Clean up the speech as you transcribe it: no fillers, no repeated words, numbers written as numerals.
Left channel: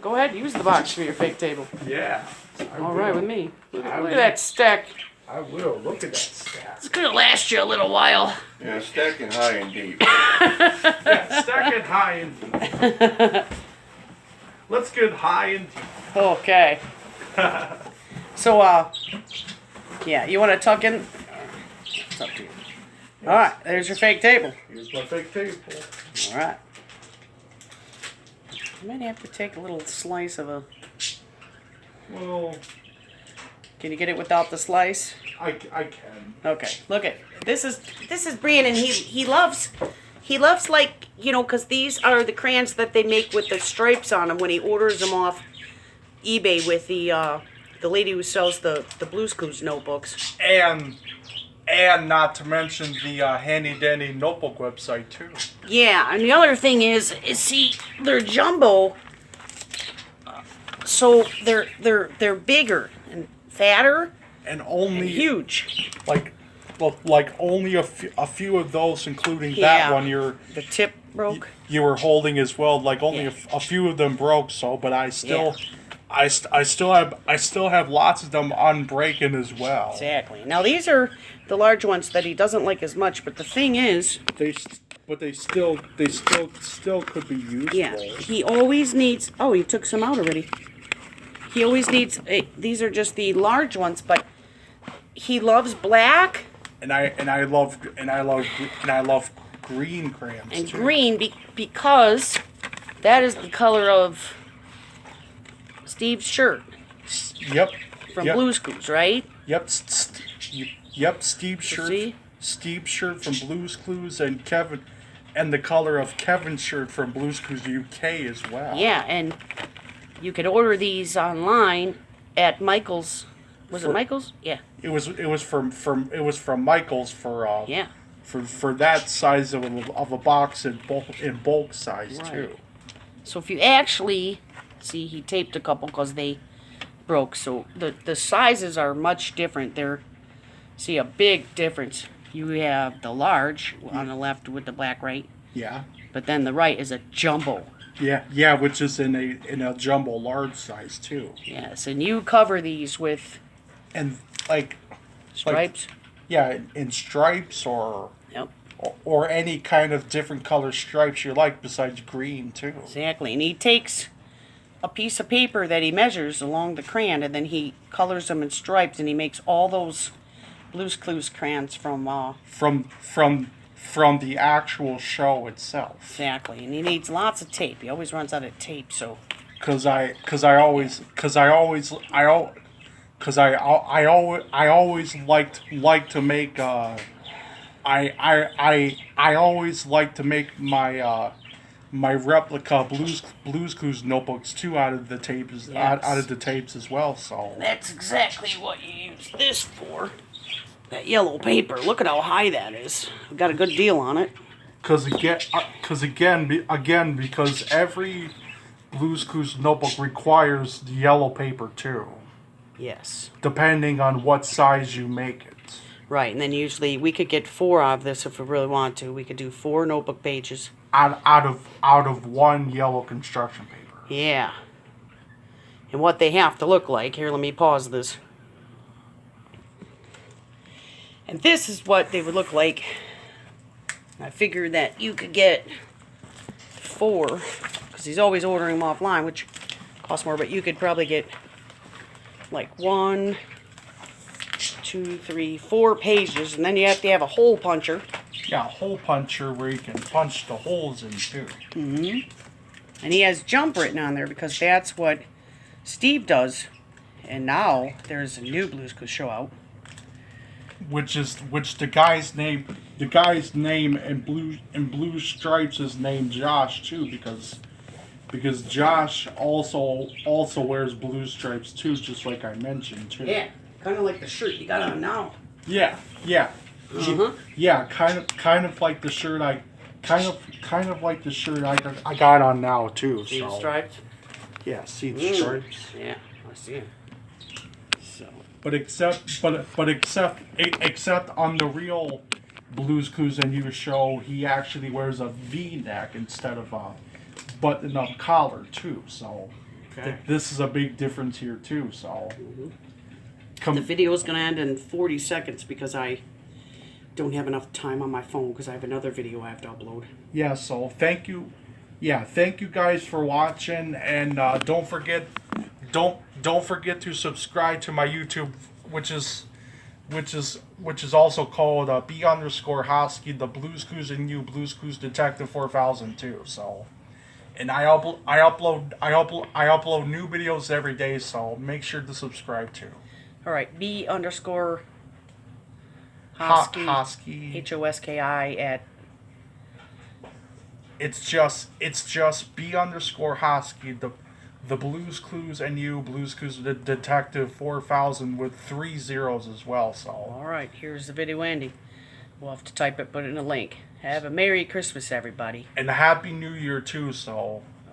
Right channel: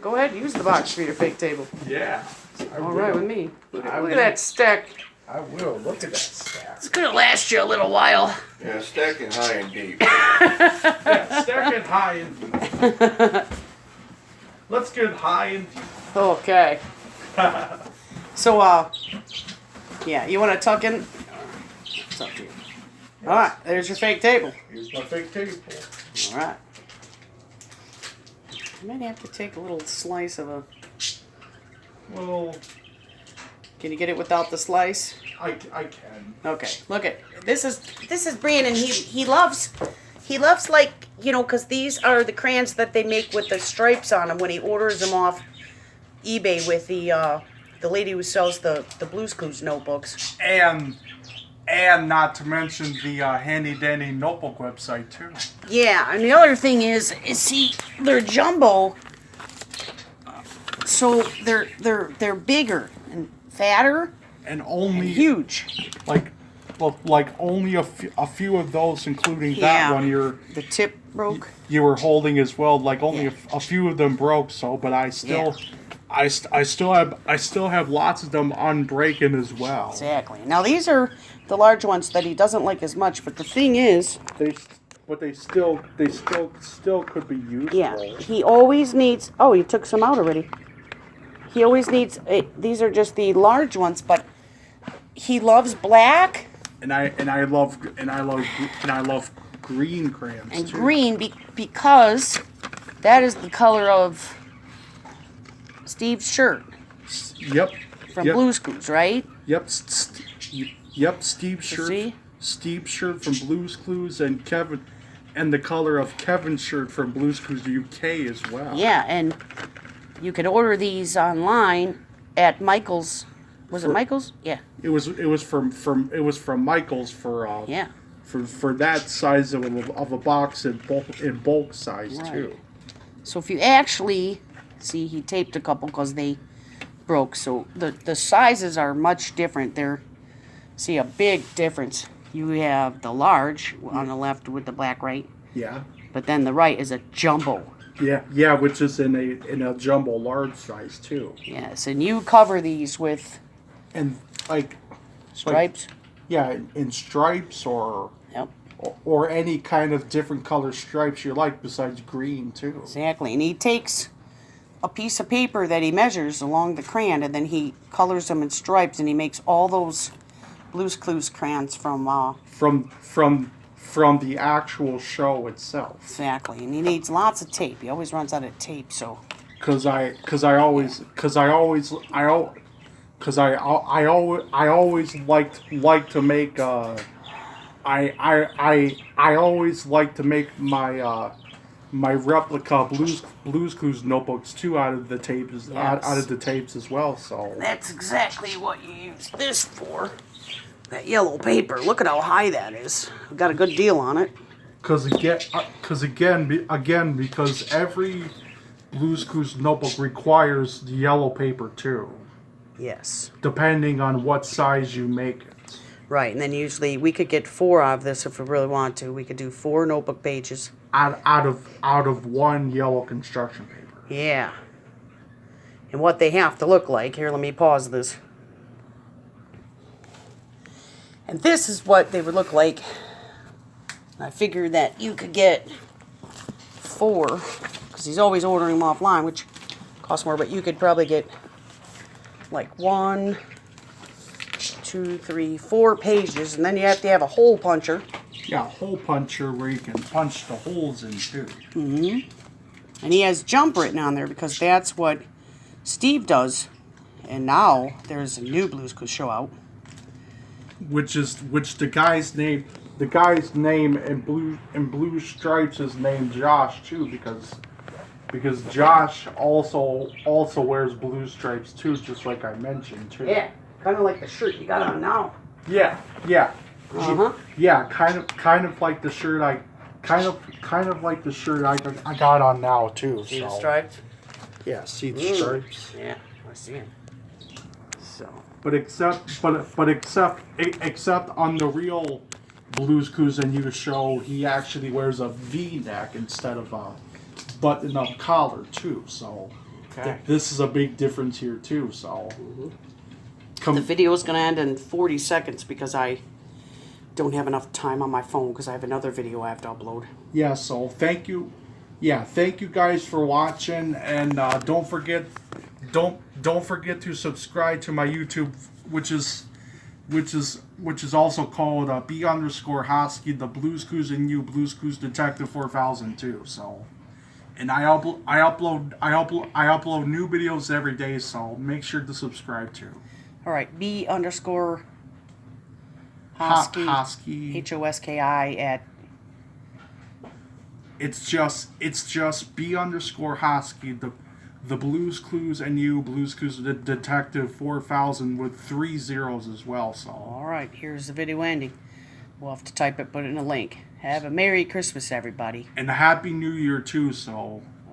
Go ahead, use the box for your fake table. Yeah. All right with me. Look at that stack. I will. Look at that stack. It's gonna last you a little while. Yeah, stacking high and deep. Yeah, stack it high and deep. Let's get high and deep. Okay. So, yeah, you want to tuck in? It's up to you. All right, there's your fake table. Here's my fake table. All right. You might have to take a little slice of a. Well, Can you get it without the slice? I can. Okay. Look at this is Brandon. He loves like because these are the crayons that they make with the stripes on them when he orders them off eBay with the lady who sells the Blue's Clues notebooks. And not to mention the handy dandy notebook website too. Yeah, and the other thing is see they're jumbo, so they're bigger and fatter And only and huge. like only a few of those, including Yeah. that one The tip broke. you were holding as well. Like only Yeah. a few of them broke. So, but I still. I still have lots of them unbreaking as well. Exactly. Now these are the large ones that he doesn't like as much, but the thing is, They still could be useful. yeah, he always needs. Oh, he took some out already. He always needs. These are just the large ones, but he loves black And I love green crayons and too. green because that is the color of Steve's shirt Yep. from yep. Blue's Clues, right? Yep. Yep. Steve's So shirt. see? Steve's shirt from Blue's Clues and Kevin, and the color of Kevin's shirt from Blue's Clues UK as well. Yeah, and you could order these online at Michael's. Was it Michael's? Yeah. It was from Michael's for Yeah. for that size of a box in bulk size Right. too. So if you actually see, he taped a couple because they broke. So the sizes are much different. See a big difference. You have the large on the left with the black, right? Yeah. But then the right is a jumbo. Yeah, which is in a jumbo large size too. Yes, and you cover these with And like stripes. yeah, in stripes or Yep, any kind of different color stripes you like besides green too. exactly. And he takes a piece of paper that he measures along the crayon, and then he colors them in stripes, and he makes all those Blue's Clues crayons from From the actual show itself. exactly. And he needs lots of tape. He always runs out of tape, so Cause I always like to make I always like to make my replica Blue's Clues notebooks too out of the tapes out of the tapes as well. So that's exactly what you use this for. That yellow paper. Look at how high that is. We got a good deal on it. because every Blue's Clues notebook requires the yellow paper too, Yes. depending on what size you make it. Right, and then usually we could get 4 of this if we really want to. We could do 4 notebook pages. Out of one yellow construction paper. Yeah. And what they have to look like. Here, let me pause this. And this is what they would look like. I figured that you could get 4, because he's always ordering them offline, which costs more, but you could probably get like 1, 2, 3, 4 pages, and then you have to have a hole puncher. Yeah, a hole puncher where you can punch the holes in too. Mm-hmm. And he has jump written on there because that's what Steve does. And now there's a new Blue's Clues show out. Which the guy's name in blue stripes is named Josh too, because Josh also wears blue stripes too, just like I mentioned too. Yeah, kind of like the shirt you got on now. Yeah. Uh-huh. Yeah, kind of like the shirt I got on now too. See the so. stripes? Yeah, see the stripes. Yeah, I see him. So. But except on the real Blue's Clues and You show, he actually wears a V-neck instead of a button-up collar too. So Okay. This is a big difference here too. So, The video is going to end in 40 seconds because I don't have enough time on my phone because I have another video I have to upload. yeah. So thank you. Yeah, thank you guys for watching, and don't forget to subscribe to my YouTube, which is also called B_Hosky, the Blues Clues and You Blues Clues Detective 4002. So, and I upload new videos every day. So make sure to subscribe too. All right, B_Hosky, Hosky. HOSKI at. It's just B_Hosky, the Blues Clues and You Blues Clues Detective 4000 with 3 zeros as well. So All right, here's the video ending. We'll have to type it, put it in a link. Have a Merry Christmas, everybody. and a Happy New Year too. So